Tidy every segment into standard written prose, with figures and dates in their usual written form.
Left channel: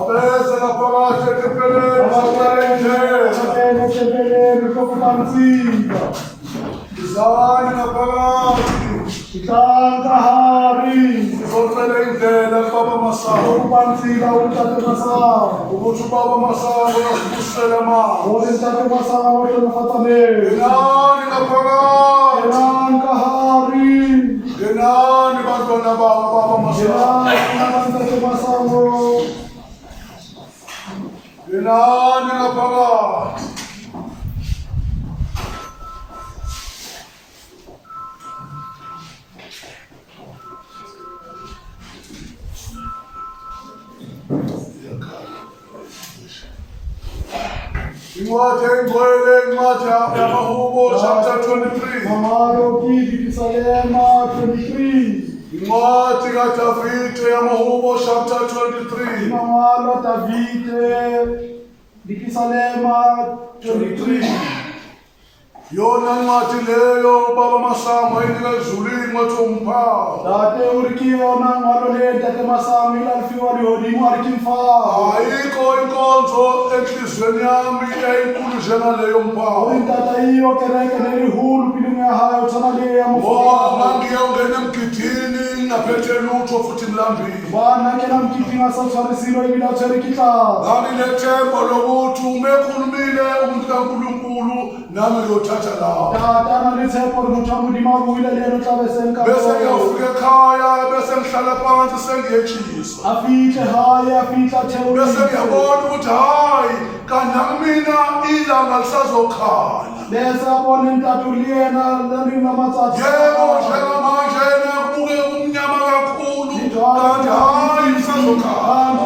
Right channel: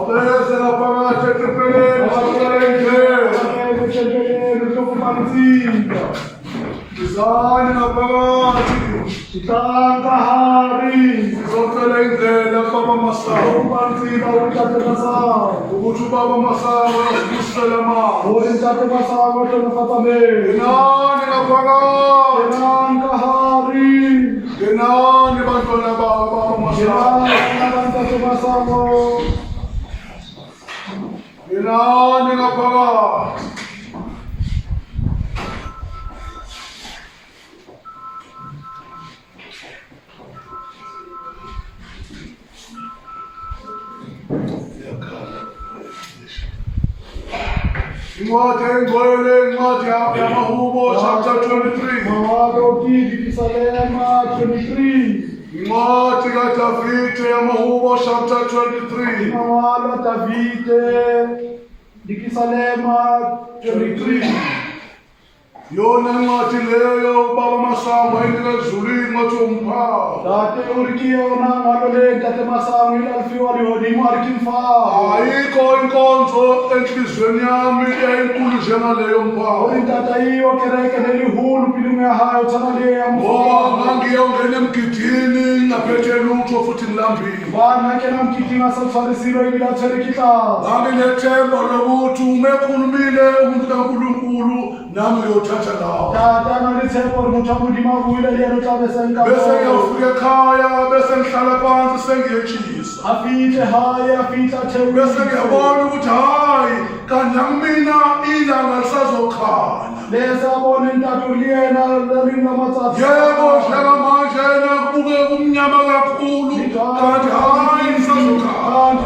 Abese ngaphakathi eqepheni sokuqala indlela. Sizani ngaphakathi. Sizocela indlela Baba Masango. Ukuthi uBaba Masango asibusele amandla. Ngenani ngaphakathi. Ngenani bantwana baba Baba Masango. Ngenani ngaphakathi. Incwadi engcwele, incwadi yamaHubo chapter 23. Incwadi kaDavide yamaHubo chapter 23. Yona incwadi leyo Baba Masango ayinika ezulwini ngathi umphawu. Ayikho inkonzo enhliziyweni yami eyinkulu njengaleyo mphawu. Ngoba ngangiyongena emgidini ngaphethe lutho futhi ngilambile. Nganginethemba lokuthi uma ekhulumile umuntu kaNkulunkulu nami ngiyothatha lawo. Bese ngiyofika ekhaya bese ngihlala phansi sengiyetshisa. Bese ngiyabona ukuthi hayi kanti mina ilanga lisazokhanya. Yebo njengamanje nakubuke kumnyama kakhulu kanti hayi lisazokhanya.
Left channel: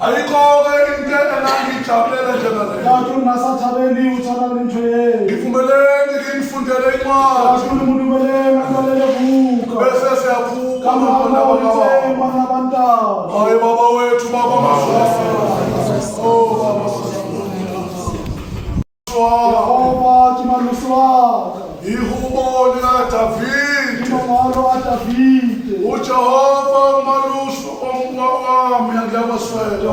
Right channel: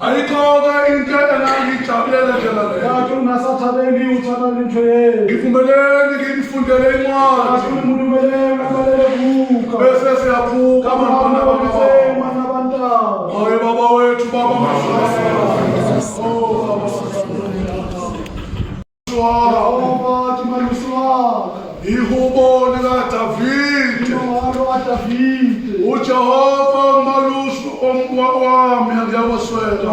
Ayikho-ke into engangijabulela njengaleyo. Ngivumeleni nginifundele incwadi. Bese siyaphuka hayi baba wethu Baba Masango. Ihubo likaDavide. uJehova umalusi wami angiyaboswela.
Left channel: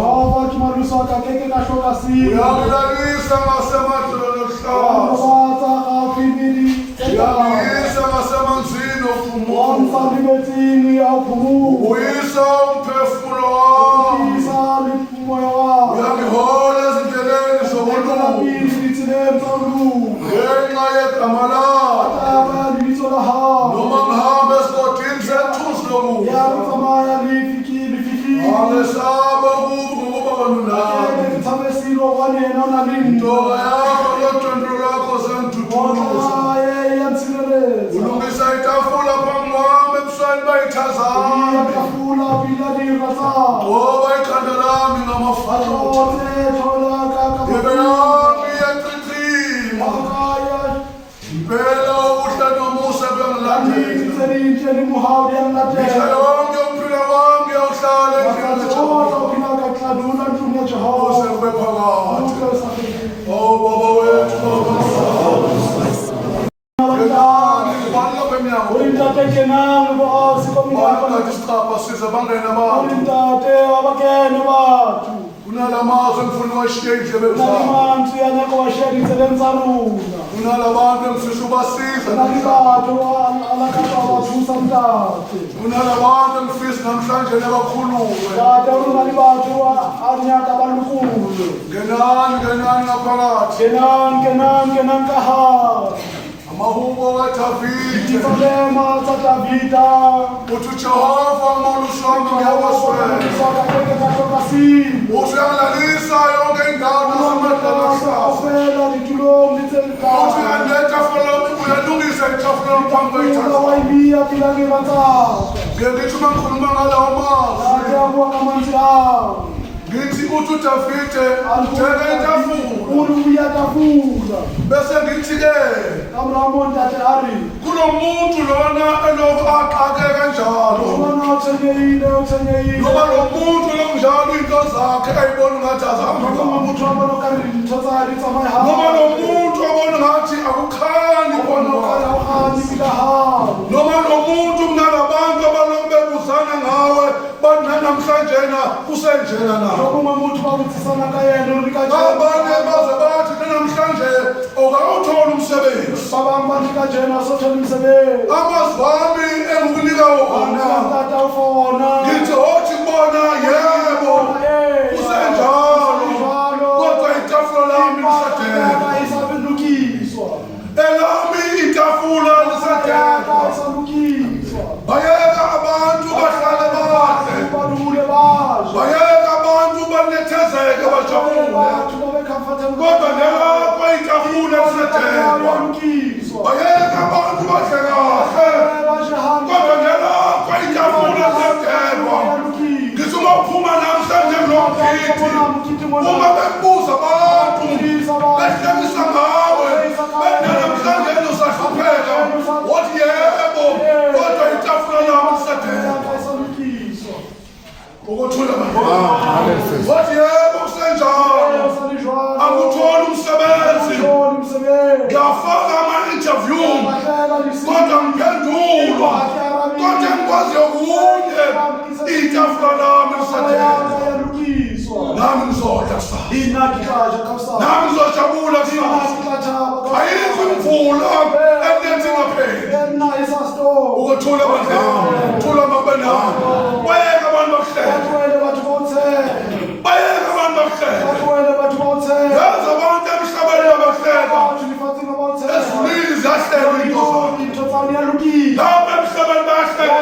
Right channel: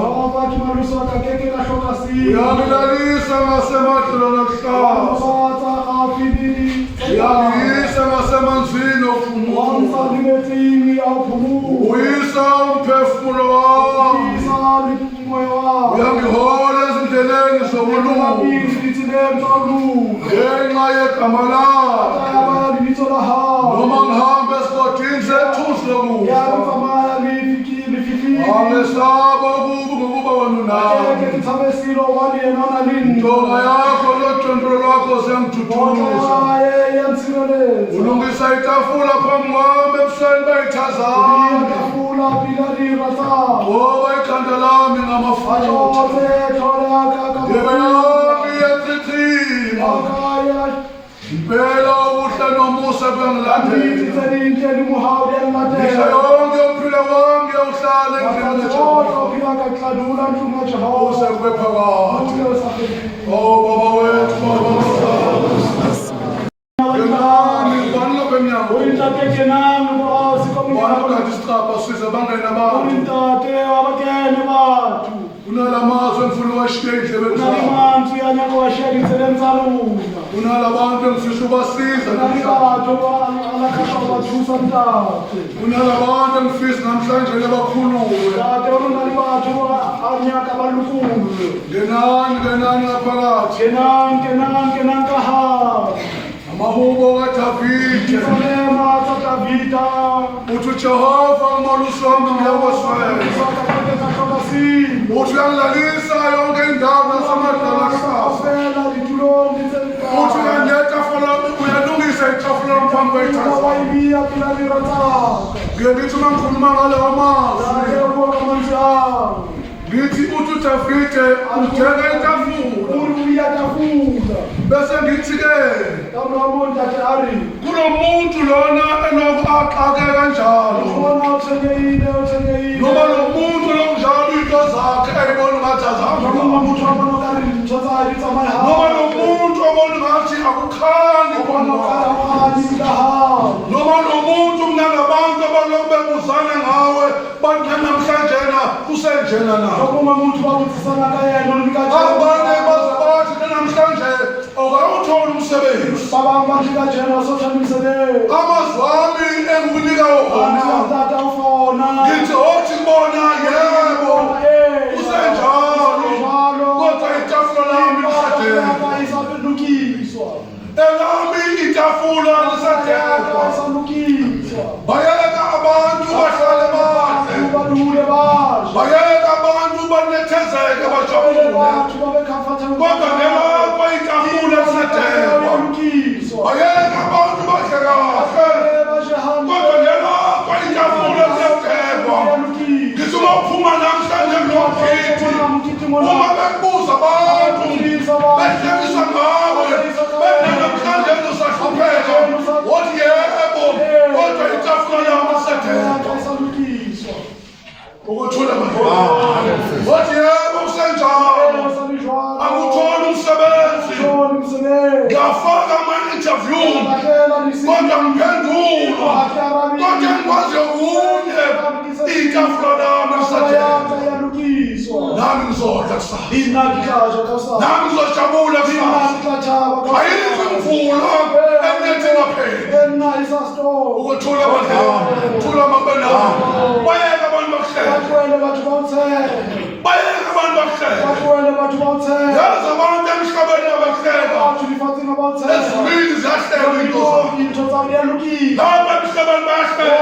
Uyangilalisa ngasemadlelweni akuhlaza. Uyangiyisa ngasemanzini ophumula. Uyisa umphefumulo wami. Uyangihola ezindleleni zokulunga. Ngenxa yegama lakho. Noma ngihambe esigodini sethusi lokufa. Angesaba ukuba ngokuba wena nawe. Intonga yakho lodondolo lwakho ziyangithuthumuza. Ulungisa itafula phambi kwami ebusweni bayithazana. Ngoba ikhanda lami ngamafutha. Ngempela yami iyachithima. Impela ubuhle nomusa kuyangilandela. Mihla yonke ukuphila kwami ngiyawuhlala endlini kaJehova. Usekube phakathi. Oh baba wethu Baba Unalamazwi engifuna uwashiye endlebeni zami. Unalabantu engifisa ubasiza namhlanje. Unalabantu engifisa namhlanje bakhulume. Ngenani ngaphakathi. Amahubo kaDavide. Uthi uJehova umalusi wami ngiyaboswela. Uthi uyangilalisa yonke indawo nasemadlelweni akuhlaza. Uthi uyalungisa itafula phambi kwetafula. Ngithi uma ngikhuluma ngalawo mazwi. Ngithi uthi uDavide uthenga itafula. Bese ngithi-ke kulo muntu lona elokhu aqake kanjalo. Ngoba lo muntu lonjalo into zakhe ayibona ngathi azihamba. Noma lo muntu obona ngathi akukhanyi khona. Noma lo muntu mnalabantu abaloku bebuzana ngawe bathi namhlanje kusenjena na umuntu bawutsisana kayena unikajena abanye bazabathi namhlanje okawuthola umsebenzi baba manje kajena sothola umsebenzi amazwi ami engukunika wona tata ufona ngithi othi ngibona yebo kusenjalo kodwa itafula lami lisadekwa elami itafula lisadekwa bayeka abantu bahlale bahle bayeka abantu banethezeke bajabule kodwa ngelapho itafula lisadekwa bayeka abantu bahle kahle kodwa ngelapho itafula lisadekwa ngithi uma uphuma namhlanje nomkhithi uma bekubuza abantu behlekisa ngawe benamhlanje usahlupheka wathi yebo kodwa itafula yami lisadekwa ukuthula wathi yebo kusenjalo anguthola umsebenzi ngafaka ama-interview kodwa ngiphendulwa kodwa ngikwazi okunye itafula lami lisadekwa nami ngizodla kusasa nami ngizojabula kusasa ayikho imvula enethi ngaphela ukuthula thula mabana bayeka abantu bakuhleka bayeka abantu bakuhleka yazi abantu emhlabeni abahleka ezulwini ziyahleka into lapha emhlabeni bayahleka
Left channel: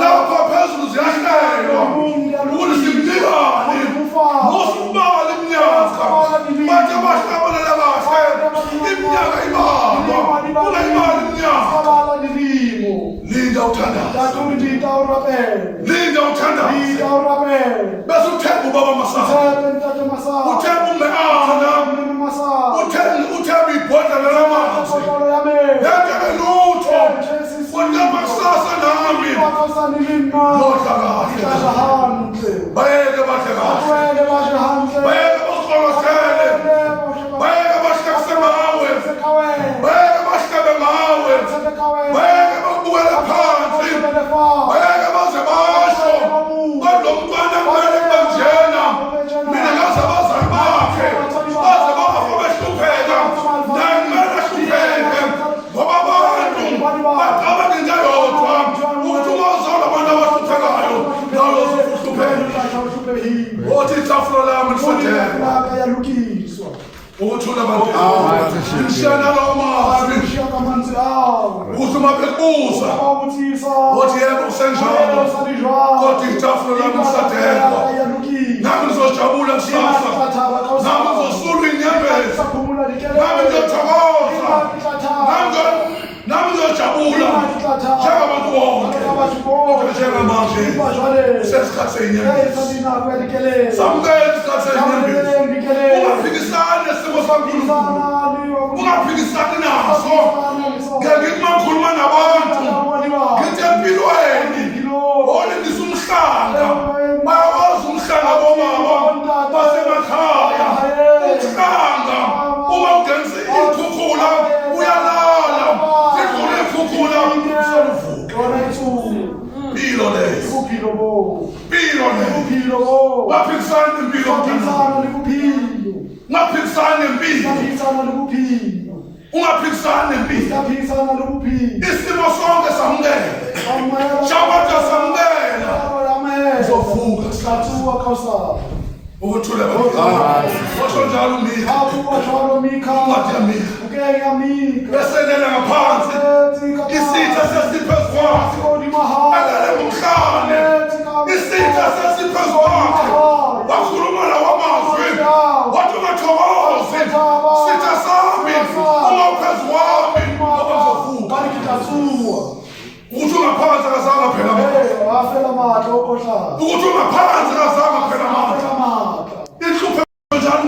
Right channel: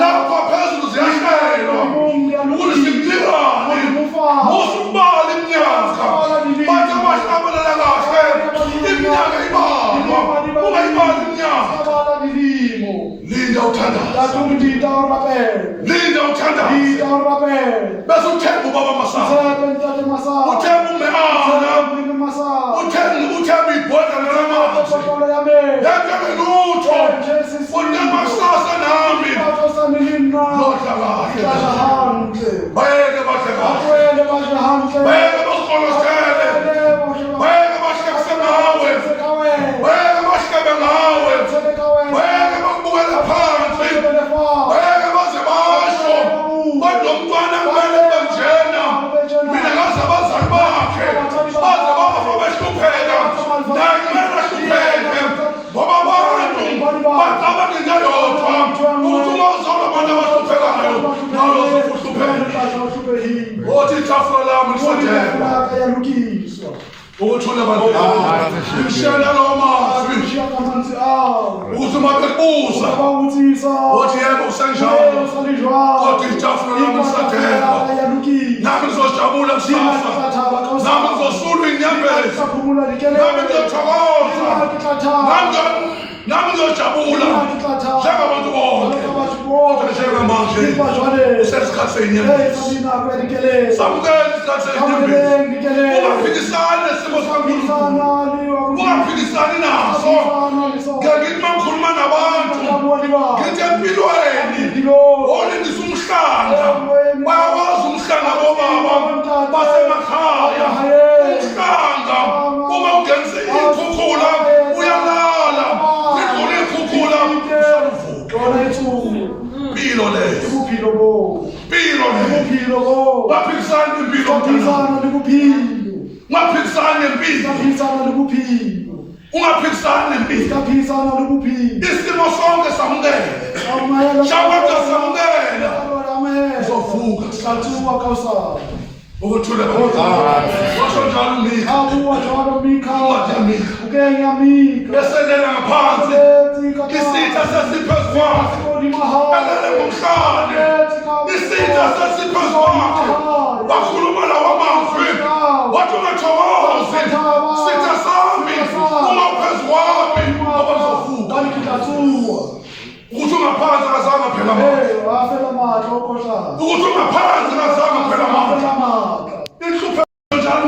lapha phezulu ziyahleka ukuthi simnikane musubala iminyaka bathi bahlabelela kahle iminyaka ibalwa ungayibali iminyaka linda uthandaza linda uthandaza bese uthemba ubaba Masana uthemba umeana uthemba ibhodlela lamanzi yentele lutho unamasasa nami lodla kahle bayeke bahle kahle bayeke basolosele bayeke bahlekise ngawe bayeke bahlebe ngawe bayeke babukele phansi bayeke baze basho banomntwana kumele banjena mina ngaze abazali bakhe baze bafa behlupheka naye kumele ahlupheke ngoba abantu bacabanga into yodwa ukuthi uma uzalwa abantu abahluphekayo nawe uzohlupheka othi itafula lami lisadekwa ukuthula abantu ngishela lawo mazwi ukuthi uma bekubuza othi yebo kusenjalo kodwa itafula lami lisadekwa nami ngizojabula kusasa nami ngizosulwa inyembezi nami ngizothokoza nami ngizojabula njengabantu bonke njengamanje usesikhathi senyembezi samukela isikhathi senyembezi ungaphikisani nesimo sankulunkulu ungaphikisani naso ngithi makhuluma nabantu ngithi empilweni olindisa umhlanga bayakwazi umhlanga bobaba basemakhaya umhlanga uma ungenise ikhukhula uyalala zidlule ikhukhula impilo leyo impilo leyo waphikisana nempilo ungaphikisani nempilo ungaphikisani nempilo isimo sonke samukela shawata samukela uzovuka ukuthula osho njalo Mika beselela ngaphansi isitha sesiphezu kwakhe alele ngomhlane isitha sesiphezu kwakhe wakhuluma lawo amazwi wathi ungathokozi sitha sami ungaphezu kwami ngoba ngizovuka ukuthi ungaphansi akazange phela ukuthi ungaphansi akazange phela inhlupho njalo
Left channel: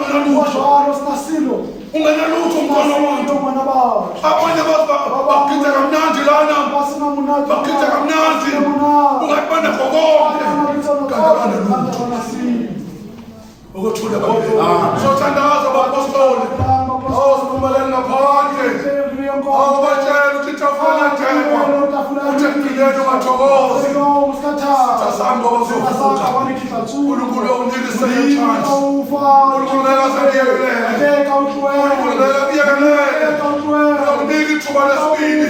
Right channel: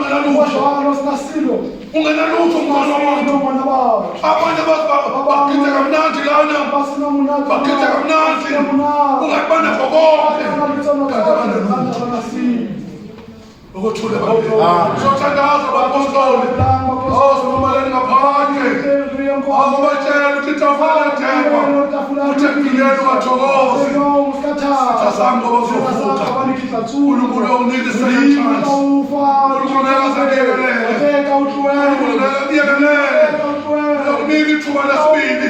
ungenalutho umntwana womuntu abanye bagida kamnandi lana bagida kamnandi ungayibona konke kanti abanelutho ukuthula sothandaza bapostoli sinumalani ngaphandle batshela ukuthi itafula thengwa uthi empilweni wathokoza Singasami ngoba kuzovuka. uNkulunkulu uyokunika i-second chance. uNkulunkulu akasakuyekelele. uNkulunkulu akakuyekelele. uyokunika ithuba lesibili.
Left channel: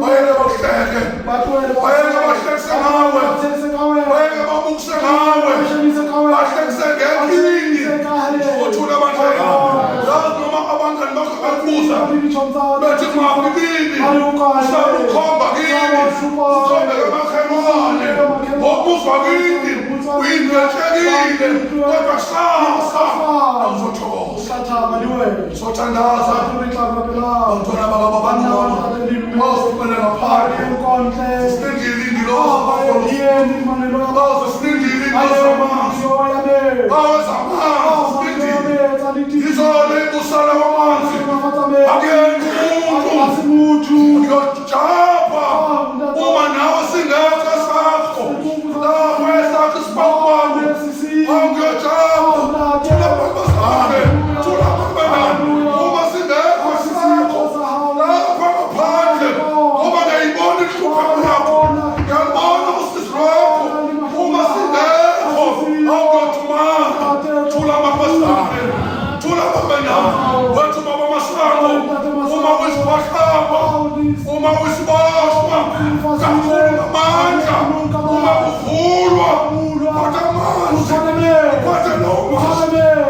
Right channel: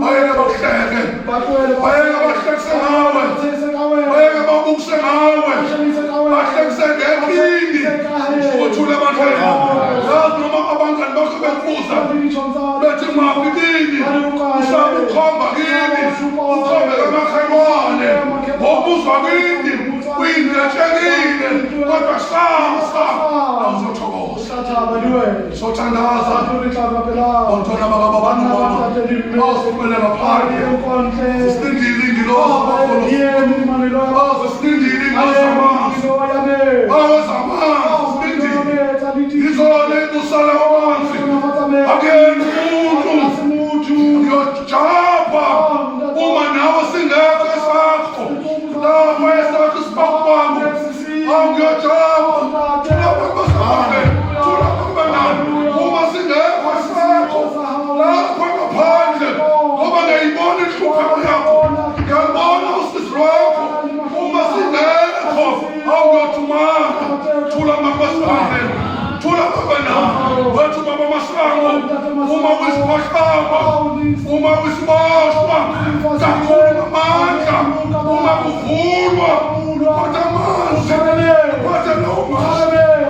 Bayeke bakuhleke. Bayeke bahlekise ngawe. Bayeke babukise ngawe. Bahlekise ngephini. Uthule amandla. Yazi noma abangani bakho bekubuza bethi kungafikini. Mhlawumbe ukhomba kini. Ukhombe emakhemane. Ngokuzwa kini. Uyingetshekile. Kodwa kusasa awuzothokoza. Sothandaza. Bantwana bakababantu. Mawusupele ngaphandle. Sisindile ingilosi. Sisindile ingilosi. Awezamanzi. Izole kusala kwamanzi. Akuyena umuntu. Ngiyojapa. Uma nawe singekho esakho. Lapho esakho isibhawu kwami. Angiyojapa. Thula bakubelani. Uma singekho esakho. Lapho ngaphandle. Ngoba ngiyayibona inhlupheko yakho. Ngiyabona usizi lwakho. Uma singekho. Awuyothumanga. Thula mapasane. Thula babenani. Wethu baba masango. Uma kwisibashaba. Uma kwisibashwa. Kakhulu amandla. Uma kuvulwa. Kodwa amanzi. Kodwa noma.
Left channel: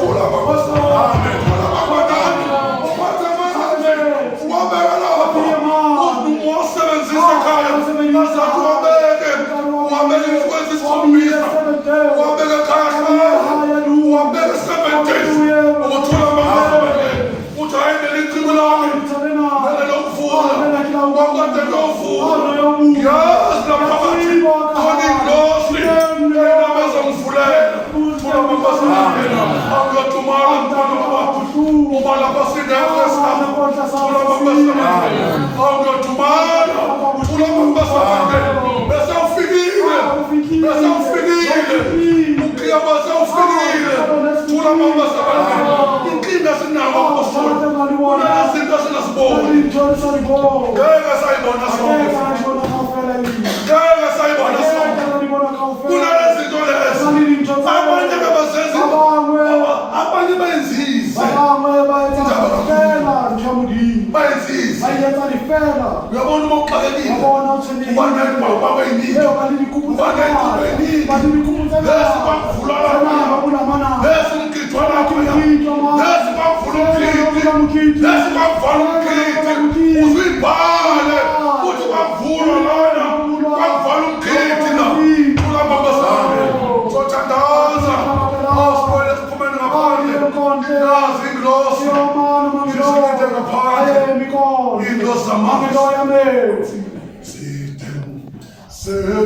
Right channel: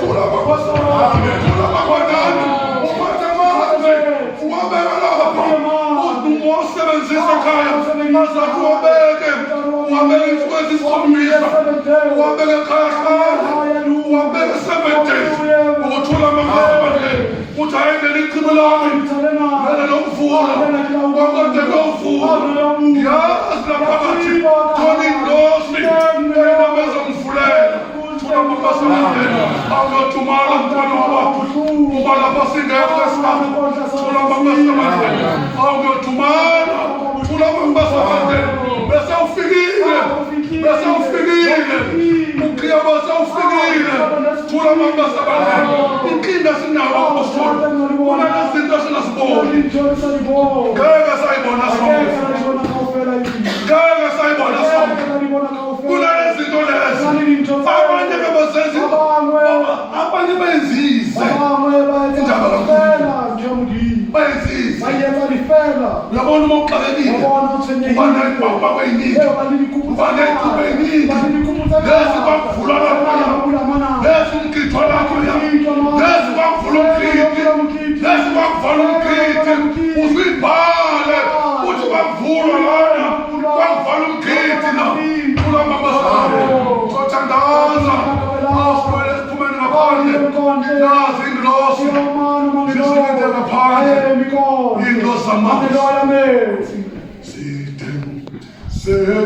Thula mapasane. Thula babenani. Kodwa amanzi. Uwabeka lapha. Usebenzisa ekhaya. Azathi uwabeke. Uwabeke isikwenzi isikhombisa. Uwabeke ekhaya hlala. Uwabeke 7 days. Uthula amandla. Uthi ayendele iqhibu lami. Lele lokuvula. Wakade kuyovula. Yazi laphakathi. Khona ingilosi. Eyona bezongivulela. Thula mapasane. Awuyothumala mntwana wababa. Uma lapha singekho esakho. Thula mapasane. Awuyothumala. Thula mapasane. Bese ufikile. Bese ufikile. Ukhaya bese ufikile. Thula mapasane. Inkinga sinayo apostoli. Kunezinto sinaziboni. Ngeke sayibona sonke. Ngeke sayibona sonke. Kunezinto lezi. Abanye bebazenzi. Abanye benzise. Benzise. Uyabona uma uxakekile. Ubaneni baba beyiningi. Ubaneni beyiningi. Lezi bakuvula lapha. Lezi umkhithwa lapha. Lezi bakuvula umkhithi. Lezi bakuvula umkhithi. Uzibhale. Uthi bakuvula lana. Bakuvula umkhithi na. Thula mapasane. Sothandaza. Awusibone esiphumeni ngaphandle. Nazi ingilosi. Zisikinde ngaphandle. Ingilosi zamanzi. Sithemba.